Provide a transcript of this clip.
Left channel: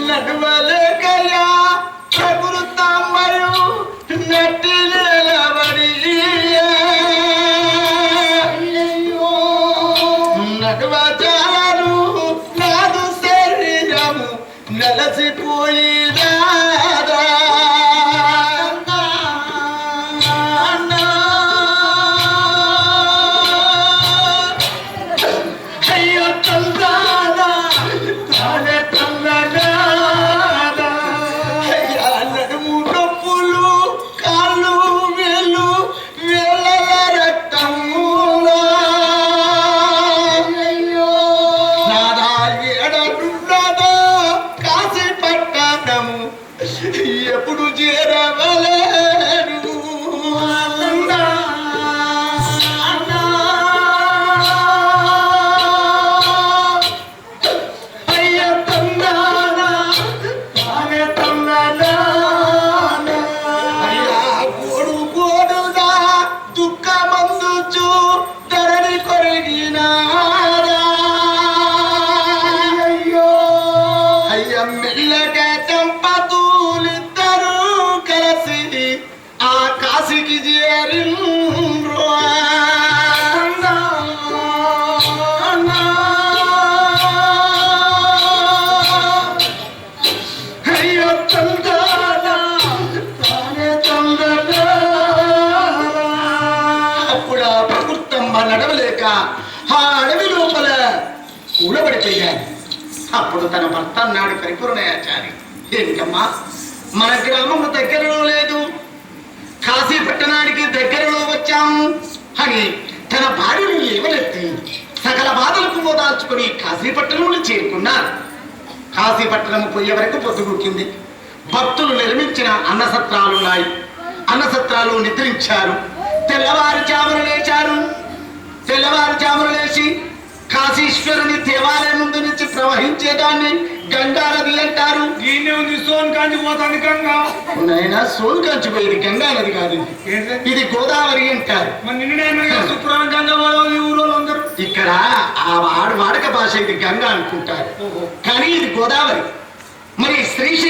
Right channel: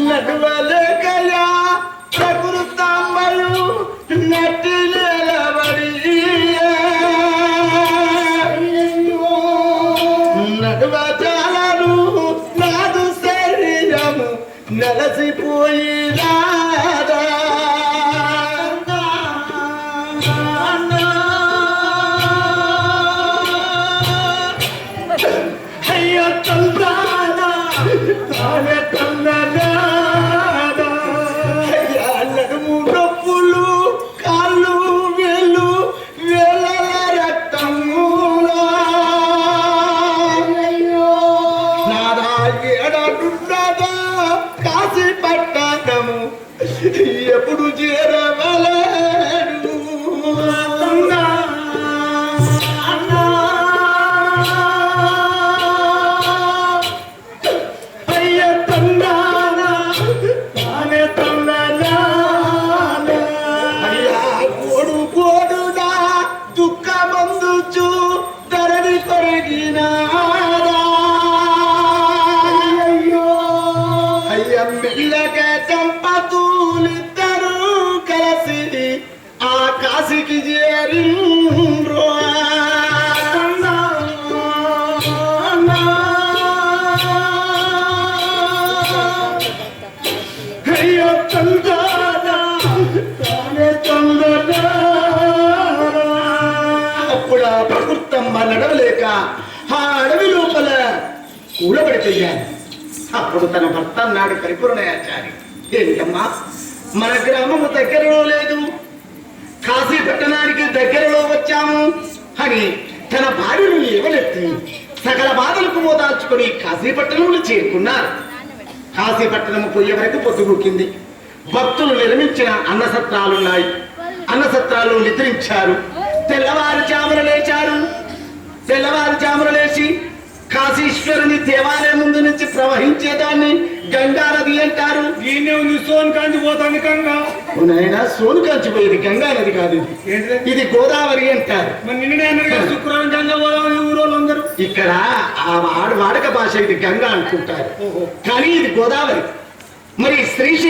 నడువలేకయా ప్రభులు తామరు నటి నిలబడి నడువ చాలరు నాదు శరీరము నెలసిపోయినా ఎప్పుడు చేరవలేను అయ్య మెల్లగా చంపతూలిద్దరూ కలిసి ఆ కాశీకి చేరిండ్రు అయ్యో తందానా, తానే తందానా. అప్పుడు ఆ ప్రకృతమ్మ నడవలేక ఆ అడవి లోపల కూడబడిపోయాను అప్పుడు తన భర్త అన్నాడు పరిపూర్ణయాచారి ఏమిటమ్మా మన గ్రామము దగ్గరలో లేదు. కాశీ పట్టణానికి దగ్గరలో వచ్చాము. అని తన భార్యను లేవనెత్తి సకల బాధలకు ఓదార్చుకుని కాశీపట్టణంలో చేరుకున్నారు. కాశీపట్నం పోయే వరకు పొద్దుగుక్కింది భక్తులు నిర్మించిన అన్నసత్రాలున్నాయి అన్నసత్రాలు నిద్రించారు. తెల్లవారుజామున లేచారు. తెల్లవారుజామున లేచి కాశీశ్వరుని దేవాలయం ప్రవహించేదాన్ని గంగా నది అంటారు. దీన్నే ఉంది సోన్ కాంచి పోతాను గంగా సోను కంచిపోయేది నది కాదు. ఇది. గోదావరి అంటారు. శుక్రవారం గంగా ఊరోళ్ళు అందరూ. ఇక్కడ ఆ వాడు వాడక భాష ఇది గంగా అనుకుంటారు. కానీ ఇది గోదావరి. మరి శ్రీశైలం